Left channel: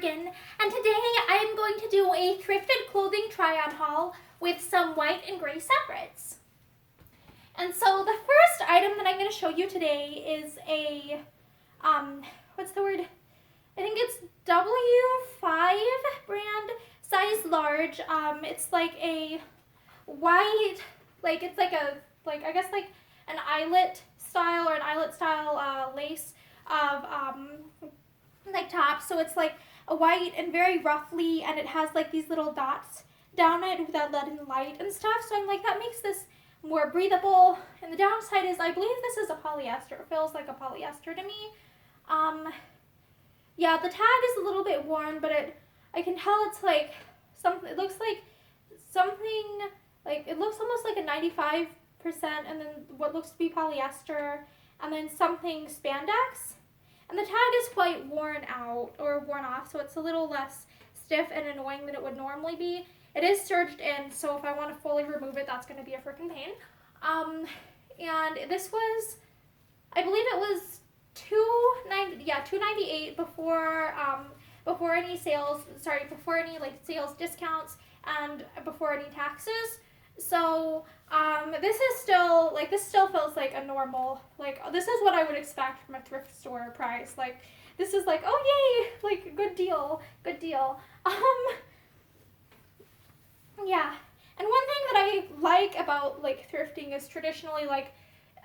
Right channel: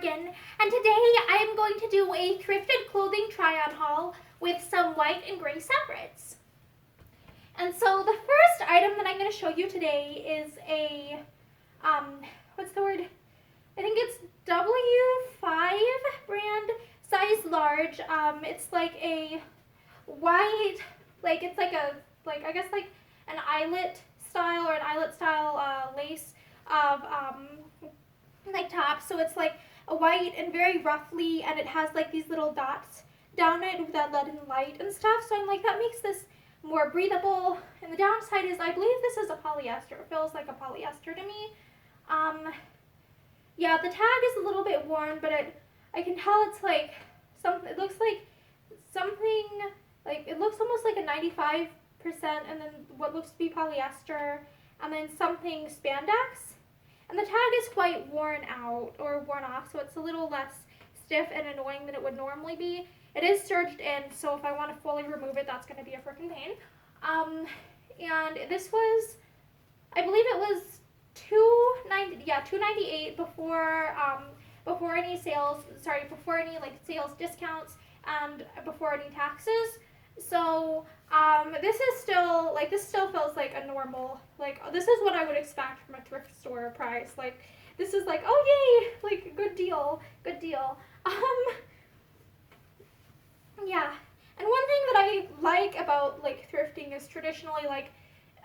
Morgan, and today I'm going to do a thrifted clothing try-on haul with some white and gray separates. And so the first item that I'm going to show you today is a, what's the word? I think it's W5 brand, size large. It's like a white, like it's like a, like I guess like an eyelet style or an eyelet style lace of like top. So it's like a white and very ruffly, and it has like these little dots down it without letting light and stuff. So I'm like, that makes this more breathable. And the downside is I believe this is a polyester. It feels like a polyester to me. Yeah, the tag is a little bit worn, but I can tell it's like something. It looks like something like, it looks almost like a 95%, and then what looks to be polyester, and then something spandex. And the tag is quite worn out or worn off, so it's a little less stiff and annoying than it would normally be. It is serged in, so if I want to fully remove it, that's going to be a freaking pain. And this was, I believe it was $298 before any sales, before any like sales discounts and before any taxes. So this still feels like a normal, like this is what I would expect from a thrift store price. Like this is like, oh yay, like good deal. Yeah. And one thing that I like about like thrifting is traditionally like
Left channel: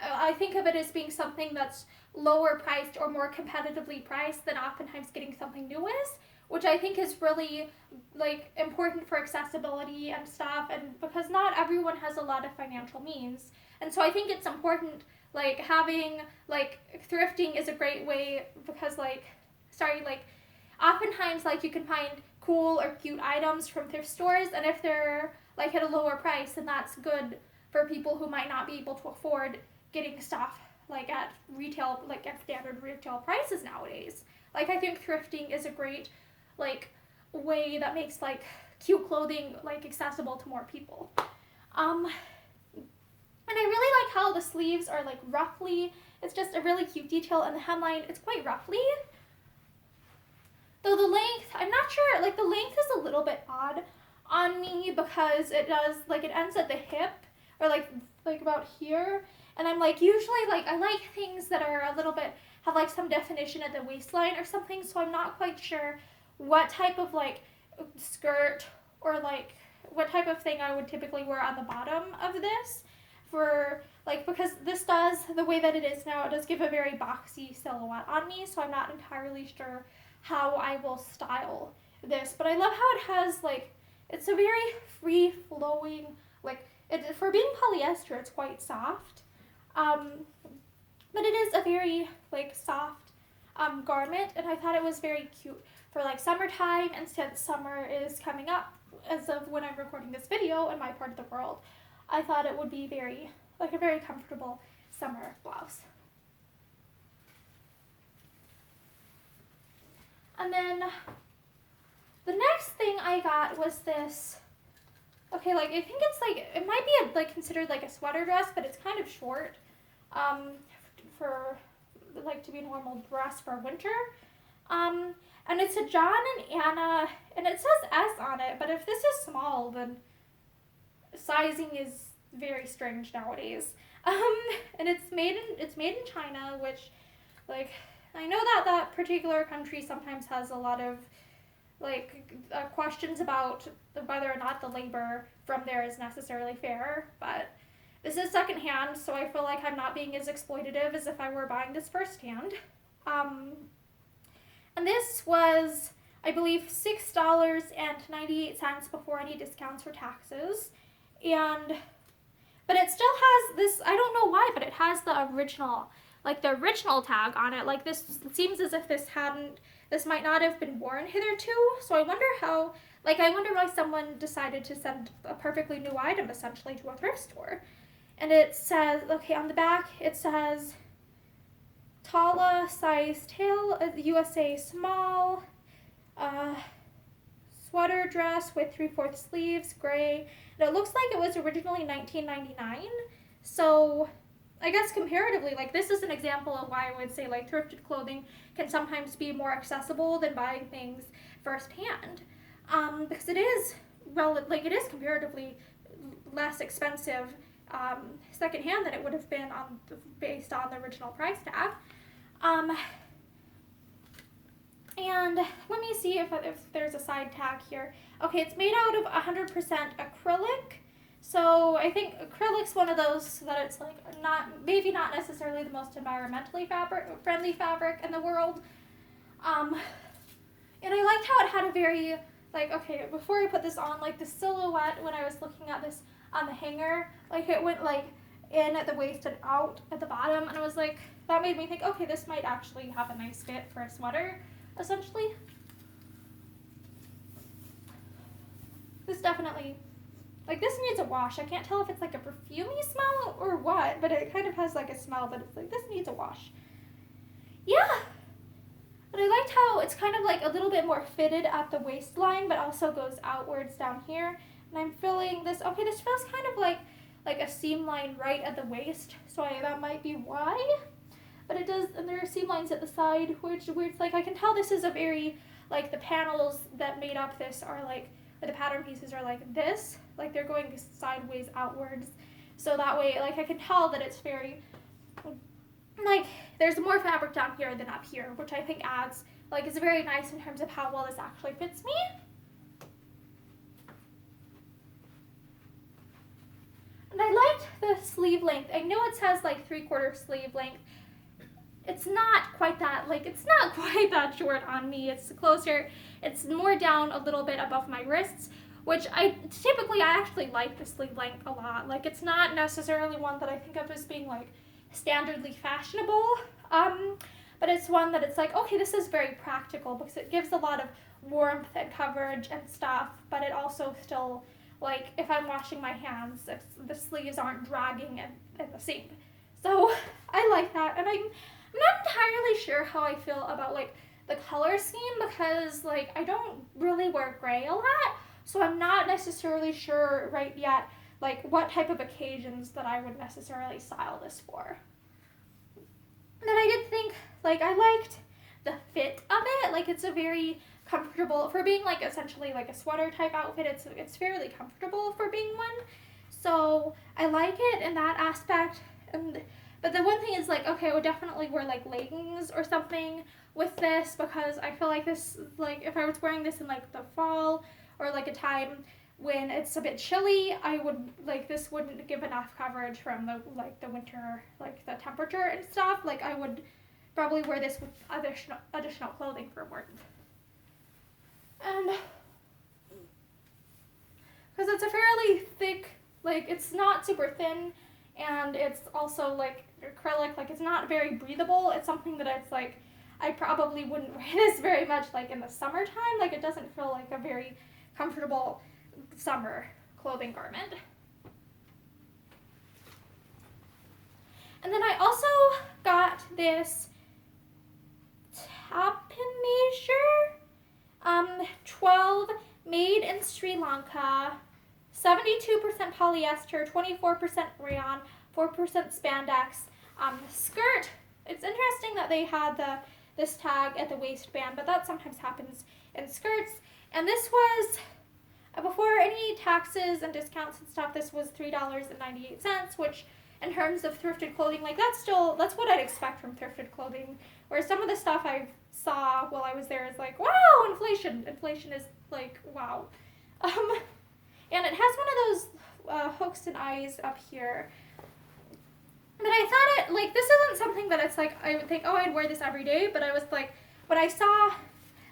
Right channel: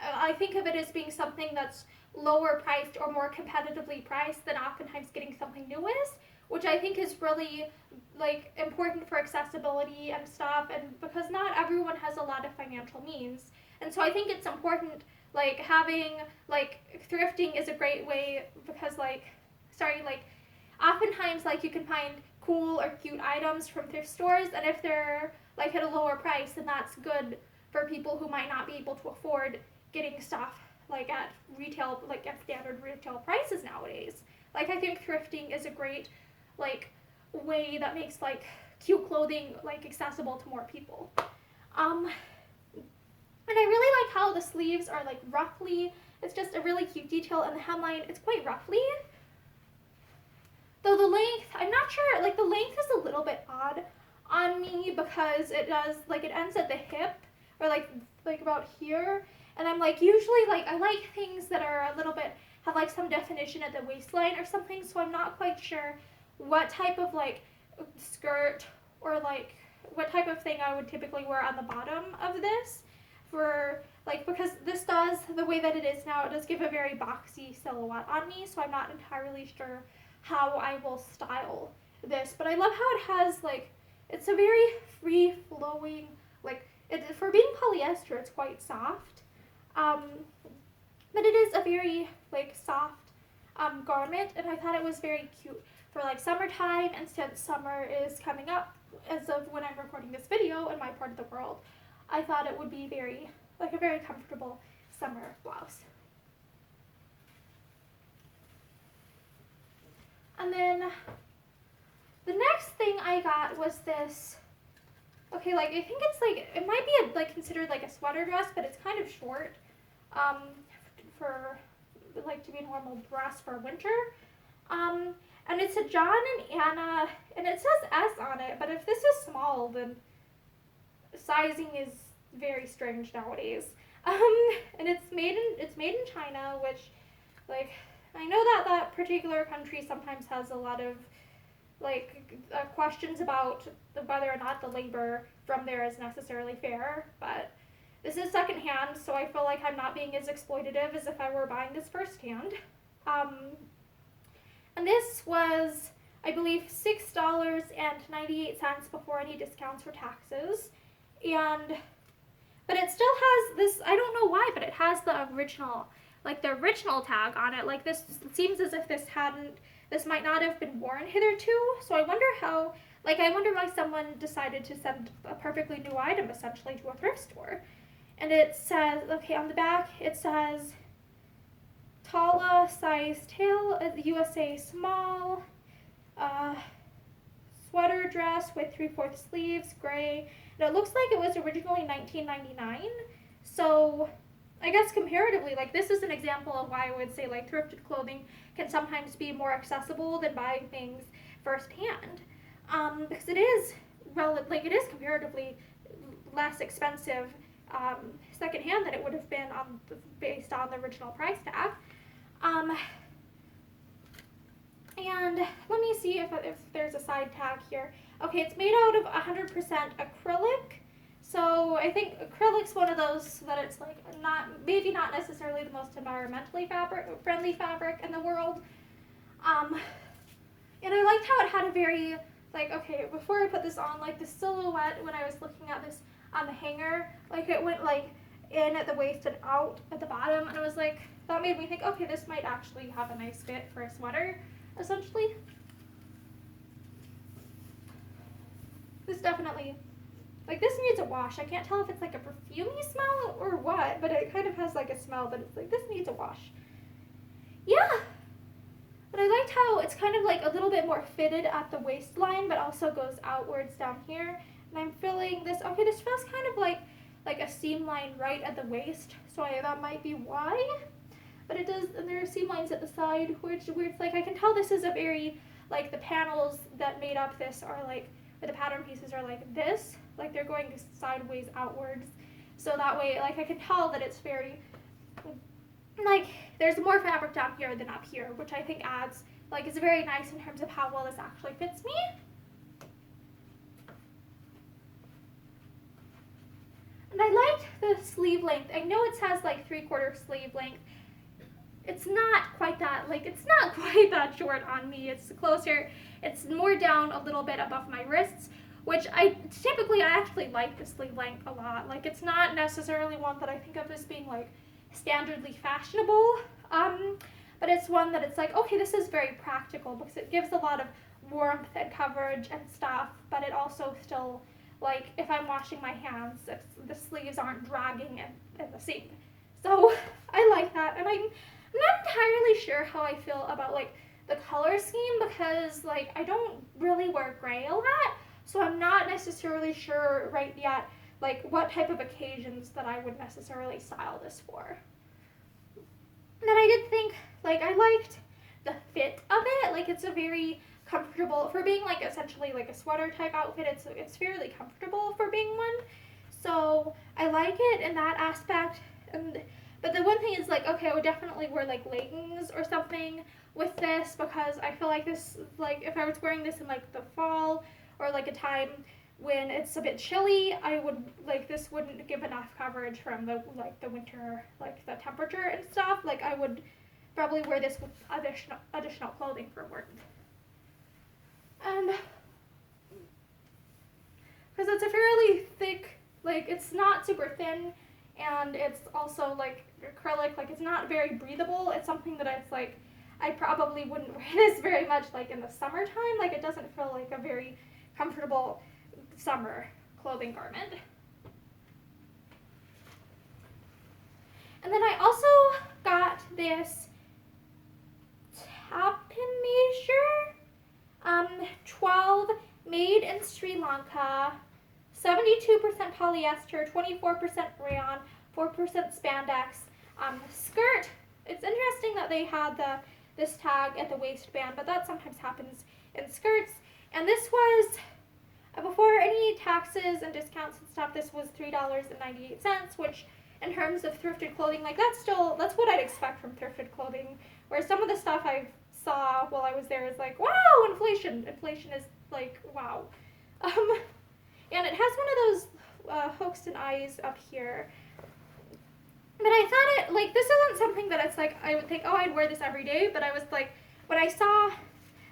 I think of it as being something that's lower priced or more competitively priced than oftentimes getting something new is, which I think is really like important for accessibility and stuff, and because not everyone has a lot of financial means. And so I think it's important like having like thrifting is a great way because oftentimes like you can find cool or cute items from thrift stores, and if they're like at a lower price, then that's good for people who might not be able to afford getting stuff like at retail, like at standard retail prices nowadays. Like I think thrifting is a great like way that makes like cute clothing like accessible to more people. And I really like how the sleeves are like roughly, it's just a really cute detail, and the hemline, it's quite roughly. Though the length, I'm not sure, like the length is a little bit odd on me because it does, like it ends at the hip or like about here. And I'm like, usually like I like things that are a little bit, have like some definition at the waistline or something, so I'm not quite sure what type of like skirt or like what type of thing I would typically wear on the bottom of this for like, because this does, the way that it is now, it does give a very boxy silhouette on me, so I'm not entirely sure how I will style this. But I love how it has like, it's a very free flowing, like for being polyester, it's quite soft. But it is a very like soft garment, and I thought it was very cute for like summertime, and since summer is coming up as of when I'm recording this video in my part of the world, I thought it would be very like a very comfortable summer blouse. And then the next thing I got was this, okay, like I think it's like, it might be like considered like a sweater dress, but it's kind of short for like to be a normal dress for winter. And it's a John and Anna, and it says S on it, but if this is small, then sizing is very strange nowadays. And it's made in China, which like I know that particular country sometimes has a lot of like questions about whether or not the labor from there is necessarily fair, but this is secondhand, so I feel like I'm not being as exploitative as if I were buying this firsthand. And this was, I believe, $6.98 before any discounts or taxes. But it still has this, I don't know why, but it has the original tag on it. Like this, it seems as if this might not have been worn hitherto. So I wonder why someone decided to send a perfectly new item essentially to a thrift store. And it says, okay, on the back, it says Tala size tail, USA small, sweater dress with 3/4 sleeves, gray. And it looks like it was originally $19.99. So I guess comparatively, like this is an example of why I would say like thrifted clothing can sometimes be more accessible than buying things firsthand, because it is it is comparatively less expensive secondhand than it would have been based on the original price tag. And let me see if there's a side tag here. Okay, it's made out of 100% acrylic. So I think acrylic's one of those that it's like maybe not necessarily the most environmentally friendly fabric in the world. And I liked how it had a very, like, okay, before I put this on, like the silhouette when I was looking at this on the hanger, like it went like in at the waist and out at the bottom, and I was like, that made me think, okay, this might actually have a nice fit for a sweater, essentially. This definitely, like, this needs a wash. I can't tell if it's like a perfumey smell or what, but it kind of has like a smell, but it's like, this needs a wash. Yeah. But I liked how it's kind of like a little bit more fitted at the waistline, but also goes outwards down here. And I'm feeling this, okay, this feels kind of like a seam line right at the waist, so that might be why. But it does, and there are seam lines at the side, which it's like, I can tell this is a very, like, the panels that made up this are like, or the pattern pieces are like this, like they're going sideways outwards. So that way, like, I can tell that it's very, like, there's more fabric down here than up here, which I think adds, like, it's very nice in terms of how well this actually fits me. And I liked the sleeve length. I know it says like 3/4 sleeve length. It's not quite that, like, it's not quite that short on me. It's closer, it's more down a little bit above my wrists, which I actually like the sleeve length a lot. Like, it's not necessarily one that I think of as being like standardly fashionable, but it's one that it's like, okay, this is very practical because it gives a lot of warmth and coverage and stuff, but it also still, like, if I'm washing my hands, if the sleeves aren't dragging in the sink. So I like that, and I'm not entirely sure how I feel about, like, the color scheme because, like, I don't really wear gray a lot, so I'm not necessarily sure right yet, like, what type of occasions that I would necessarily style this for. And then I did think, like, I liked the fit of it. Like, it's a very comfortable, for being, like, essentially, like, a sweater type outfit, it's fairly comfortable for being one. So I like it in that aspect. But the one thing is, like, okay, I would definitely wear, like, leggings or something with this because I feel like this, like, if I was wearing this in, like, the fall or, like, a time when it's a bit chilly, I would, like, this wouldn't give enough coverage from the, like, the winter, like, the temperature and stuff. Like, I would probably wear this with additional clothing for warmth. And because it's a fairly thick, like, it's not super thin, and it's also, like, acrylic, like, it's not very breathable. It's something that it's like, I probably wouldn't wear this very much, like, in the summertime. Like, it doesn't feel like a very comfortable summer clothing garment. And then I also got this tapping measure, 12, made in Sri Lanka, 72% polyester, 24% rayon, 4% spandex. Skirt, it's interesting that they had this tag at the waistband, but that sometimes happens in skirts. And this was, before any taxes and discounts and stuff, this was $3.98, which in terms of thrifted clothing, like, that's what I'd expect from thrifted clothing. Where some of the stuff I saw while I was there is like, wow, inflation. Inflation is like, wow. And it has one of those hooks and eyes up here. But I thought it, like, this isn't something that it's like, I would think, oh, I'd wear this every day, but I was like, when I saw,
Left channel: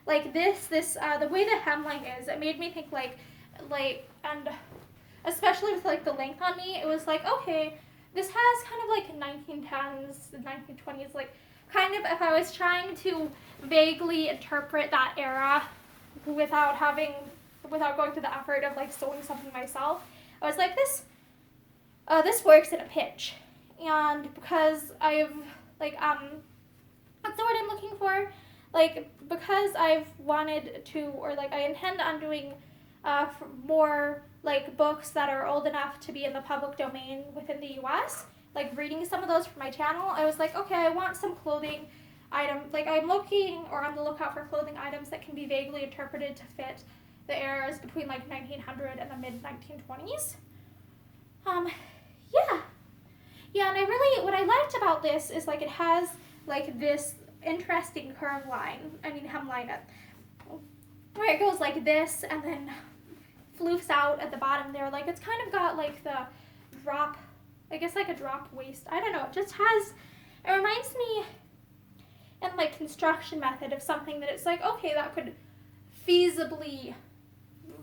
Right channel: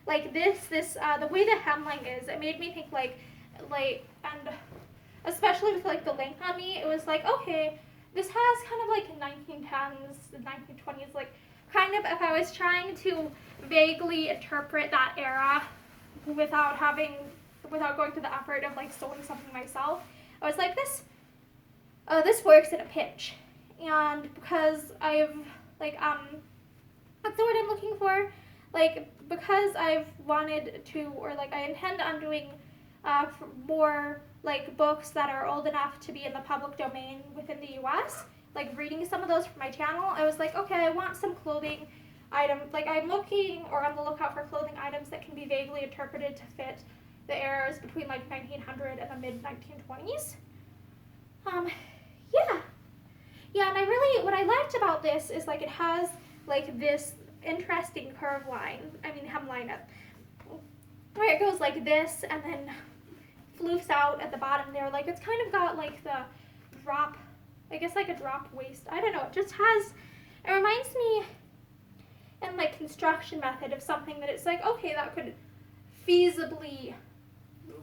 like, this, the way the hemline is, it made me think, like, and especially with, like, the length on me, it was like, okay, this has kind of, like, 1910s, 1920s, like, kind of, if I was trying to vaguely interpret that era without going to the effort of, like, sewing something myself, I was like, this works in a pinch. And because I've, like, what's the word I'm looking for? Like, because I've wanted to, or, like, I intend on doing more, like, books that are old enough to be in the public domain within the U.S., like, reading some of those for my channel, I was like, okay, I want some clothing like I'm looking or on the lookout for clothing items that can be vaguely interpreted to fit the eras between like 1900 and the mid 1920s. Yeah. Yeah, and what I liked about this is like it has like this interesting curve line, hemline, where it goes like this and then floofs out at the bottom there. Like it's kind of got like the drop, I guess like a drop waist. I don't know, it reminds me in like construction method of something that it's like, okay, that could feasibly,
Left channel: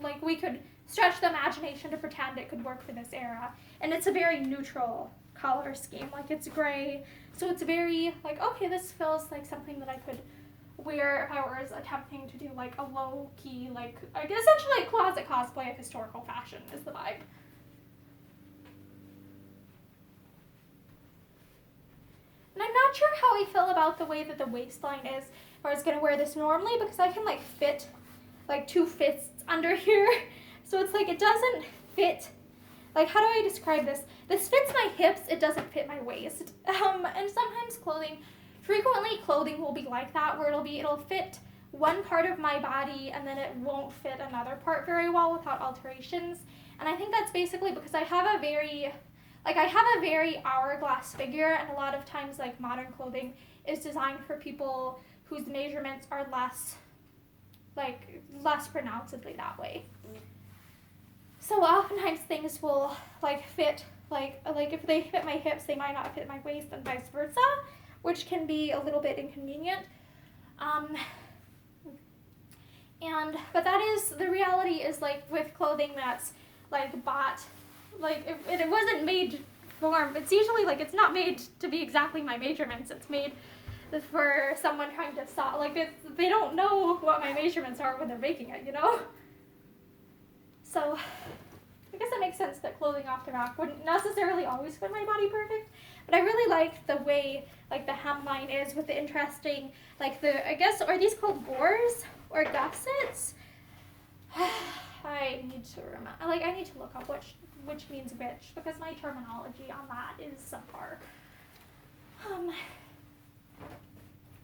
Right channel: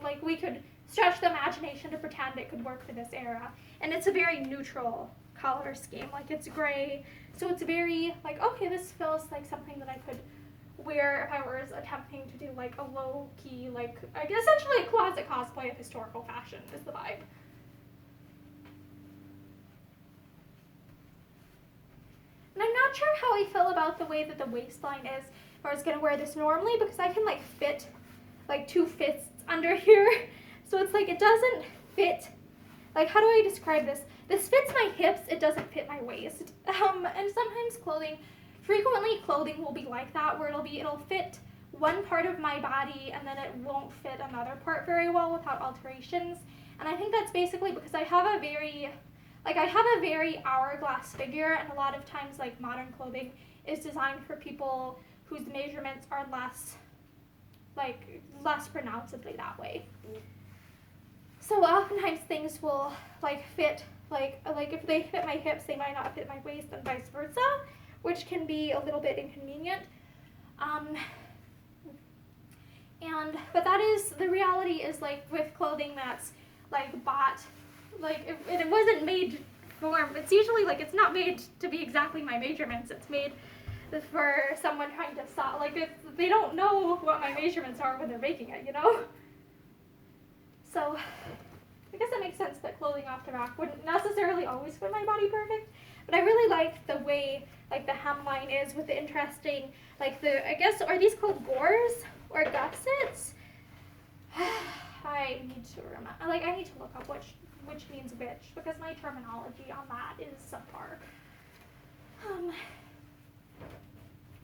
like we could stretch the imagination to pretend it could work for this era. And it's a very neutral color scheme, like it's gray, so it's very like, okay, this feels like something that I could wear if I was attempting to do like a low key, like I guess essentially a closet cosplay of historical fashion is the vibe. And I'm not sure how I feel about the way that the waistline is, or I was gonna wear this normally because I can like fit like 2 fists under here, so it's like it doesn't fit. Like, how do I describe this? This fits my hips, it doesn't fit my waist. And sometimes frequently clothing will be like that, where it'll fit one part of my body and then it won't fit another part very well without alterations. And I think that's basically because I have a very hourglass figure, and a lot of times like modern clothing is designed for people whose measurements are less pronouncedly that way. So oftentimes things will like fit, like if they fit my hips, they might not fit my waist, and vice versa, which can be a little bit inconvenient. But that is, the reality is like with clothing that's like bought, like it wasn't made it's usually like it's not made to be exactly my measurements. It's made for someone trying to stop, like they don't know what my measurements are when they're making it, you know? So I guess it makes sense that clothing off the rack wouldn't necessarily always fit my body perfect, but I really like the way like the hemline is with the interesting, like I guess, are these called gores or gussets? I need to remember, I need to look up which means which, because my terminology on that is subpar.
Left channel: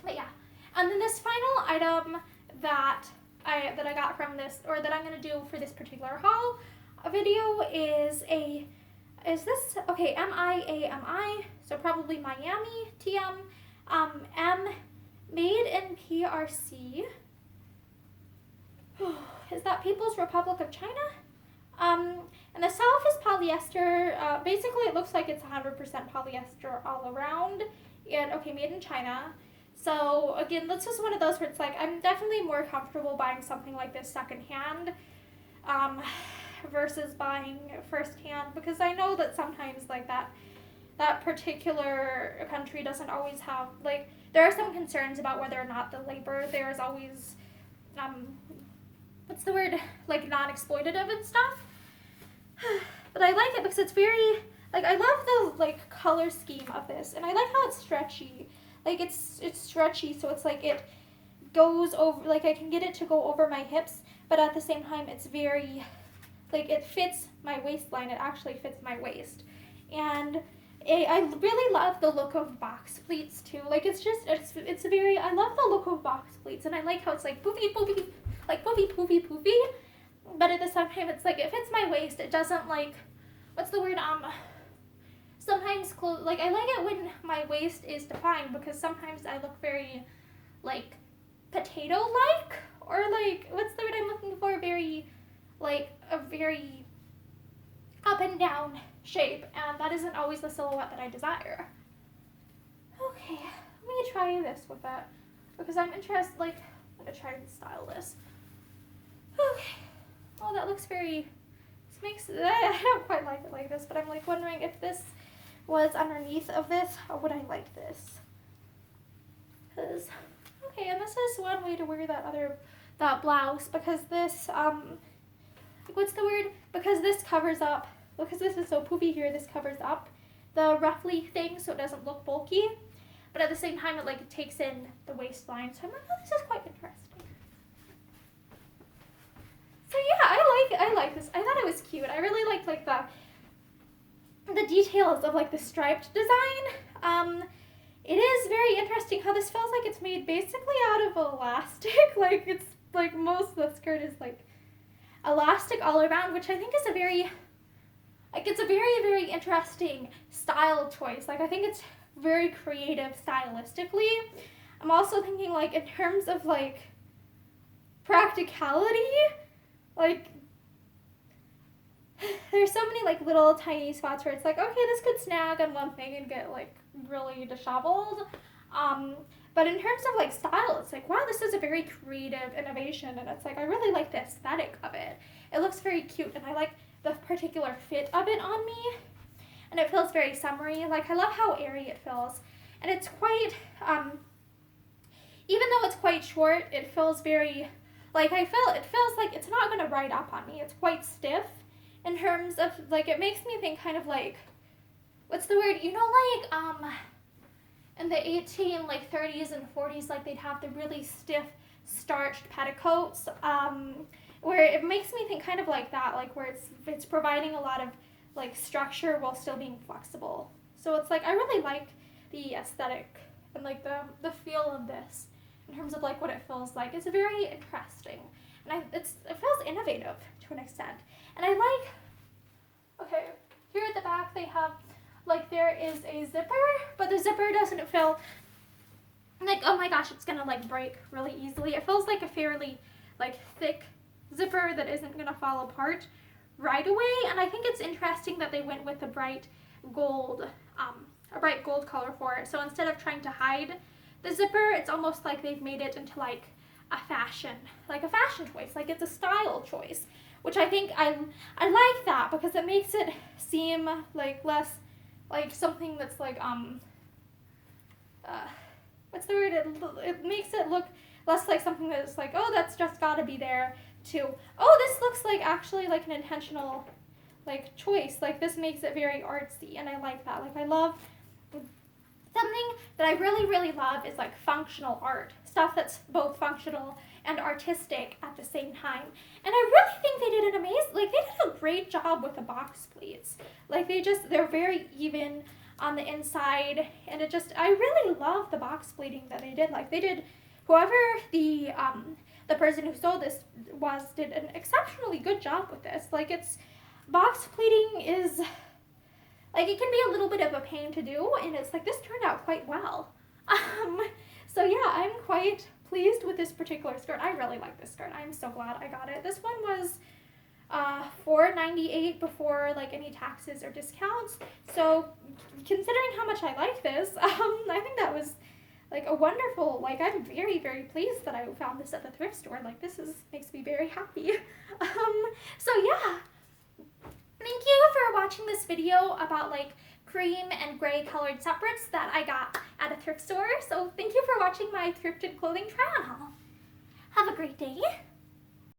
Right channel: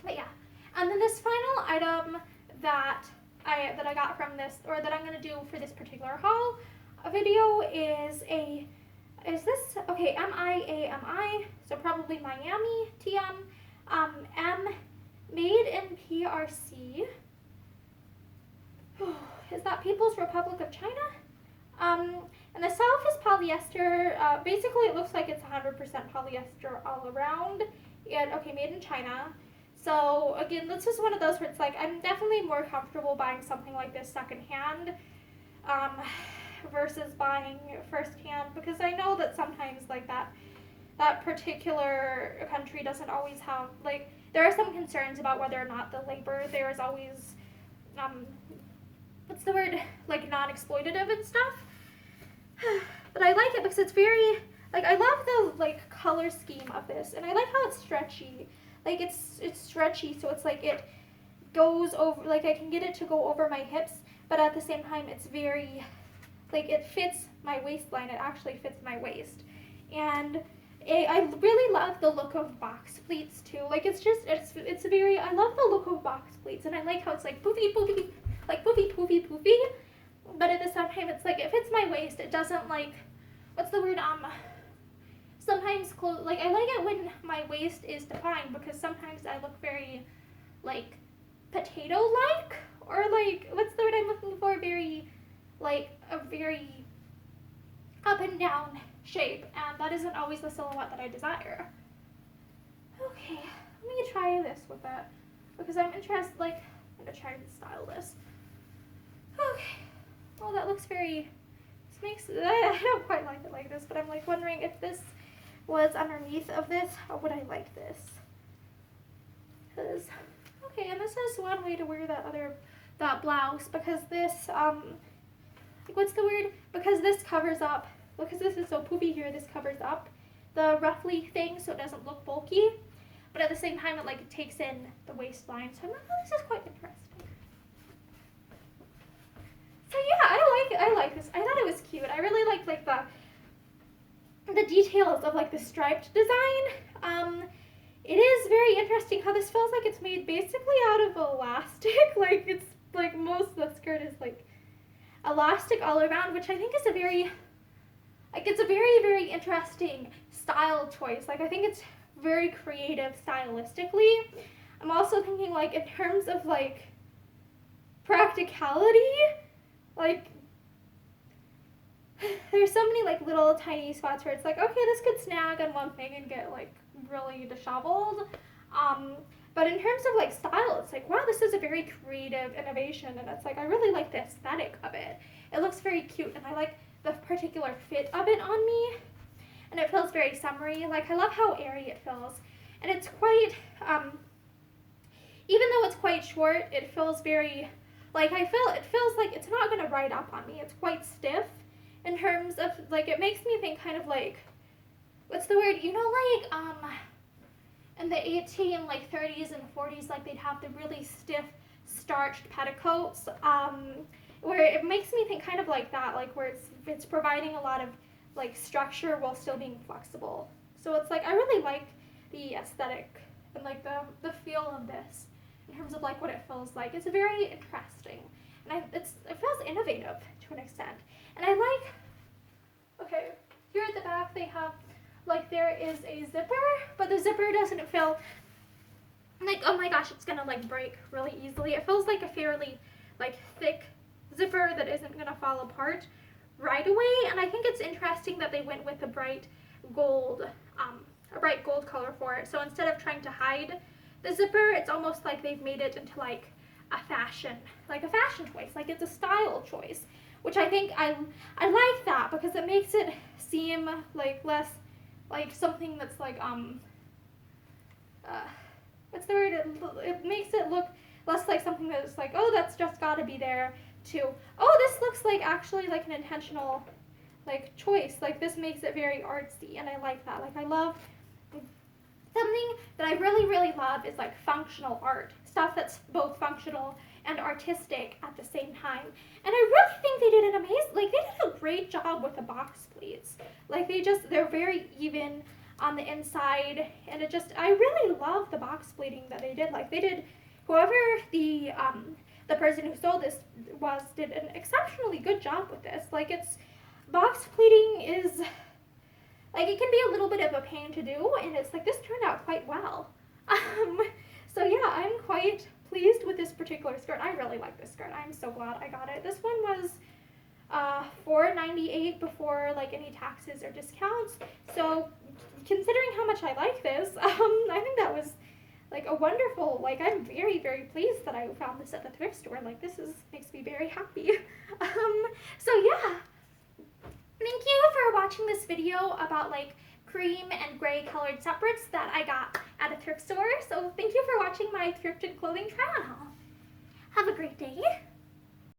But yeah, and then this final item that I got from this, or that I'm going to do for this particular haul video is this, okay, MIAMI, so probably Miami, TM, M, made in PRC. Is that People's Republic of China? And the self is polyester. Basically, it looks like it's 100% polyester all around. And okay, made in China. So again, this is one of those where it's like I'm definitely more comfortable buying something like this secondhand versus buying firsthand, because I know that sometimes like that particular country doesn't always have, like, there are some concerns about whether or not the labor there is always what's the word, like non-exploitative and stuff. But I like it because it's very, like, I love the like color scheme of this, and I like how it's stretchy. Like it's stretchy, so it's like it goes over, like I can get it to go over my hips, but at the same time it's very, like it fits my waistline. It actually fits my waist. And I really love the look of box pleats too. Like it's very, I love the look of box pleats, and I like how it's like poofy, like poofy, but at the same time it's like it fits my waist. It doesn't, like, what's the word, sometimes like I like it when my waist is defined, because sometimes I look very like potato-like, or like, what's the word I'm looking for, very like a very up and down shape, and that isn't always the silhouette that I desire. Okay, let me try this with that, because I'm interested, like, I'm gonna try to style this. Okay, well that looks very, I don't quite like it like this, but I'm like wondering if this was underneath of this, how would I like this? Because, okay, and this is one way to wear that blouse, because this, what's the word? Because this covers up, because this is so poofy here, this covers up the ruffly thing so it doesn't look bulky, but at the same time it like takes in the waistline, so I'm like, oh, this is quite interesting. So yeah, I like this. I thought it was cute. I really liked like the details of like the striped design. it is very interesting how this feels like it's made basically out of elastic. Like it's like most of the skirt is like elastic all around, which I think is a very, like it's a very, very interesting style choice. Like I think it's very creative stylistically. I'm also thinking like in terms of like practicality, like there's so many like little tiny spots where it's like, okay, this could snag on one thing and get like really disheveled. But in terms of like style, it's like, wow, this is a very creative innovation, and it's like I really like the aesthetic of it. It looks very cute, and I like the particular fit of it on me, and it feels very summery. Like I love how airy it feels, and it's quite, even though it's quite short, it feels very, like it feels like it's not gonna ride up on me. It's quite stiff in terms of like, it makes me think kind of like, what's the word? You know, like in the 30s and 40s, like they'd have the really stiff starched petticoats, where it makes me think kind of like that, like where it's providing a lot of like structure while still being flexible. So it's like I really like the aesthetic and like the feel of this in terms of like what it feels like. It's very interesting, and it feels innovative to an extent. And I like, okay, here at the back they have, like there is a zipper, but the zipper doesn't feel like, oh my gosh, it's gonna like break really easily. It feels like a fairly like thick zipper that isn't gonna fall apart right away. And I think it's interesting that they went with a bright gold color for it. So instead of trying to hide the zipper, it's almost like they've made it into like a fashion choice. Like it's a style choice, which I think I like that, because it makes it seem like less like something that's like what's the word? It makes it look less like something that's like, oh, that's just gotta be there, to, oh, this looks like actually like an intentional like choice. Like this makes it very artsy, and I like that. Like I love, something that I really, really love is like functional art. Stuff that's both functional and artistic at the same time. And I really think they did they did a great job with the box pleats. Like they're very even on the inside, and I really love the box pleating that they did. Like whoever the person who sold this did an exceptionally good job with this. Like box pleating is, like it can be a little bit of a pain to do, and it's like this turned out quite well. So yeah, I'm quite pleased with this particular skirt. I really like this skirt. I'm so glad I got it. This one was $4.98 before like any taxes or discounts. So considering how much I like this, I think that was like a wonderful, like I'm very, very pleased that I found this at the thrift store. Like makes me very happy. So yeah, thank you for watching this video about like cream and gray colored separates that I got at a thrift store. So thank you for watching my thrifted clothing try on haul. Have a great day.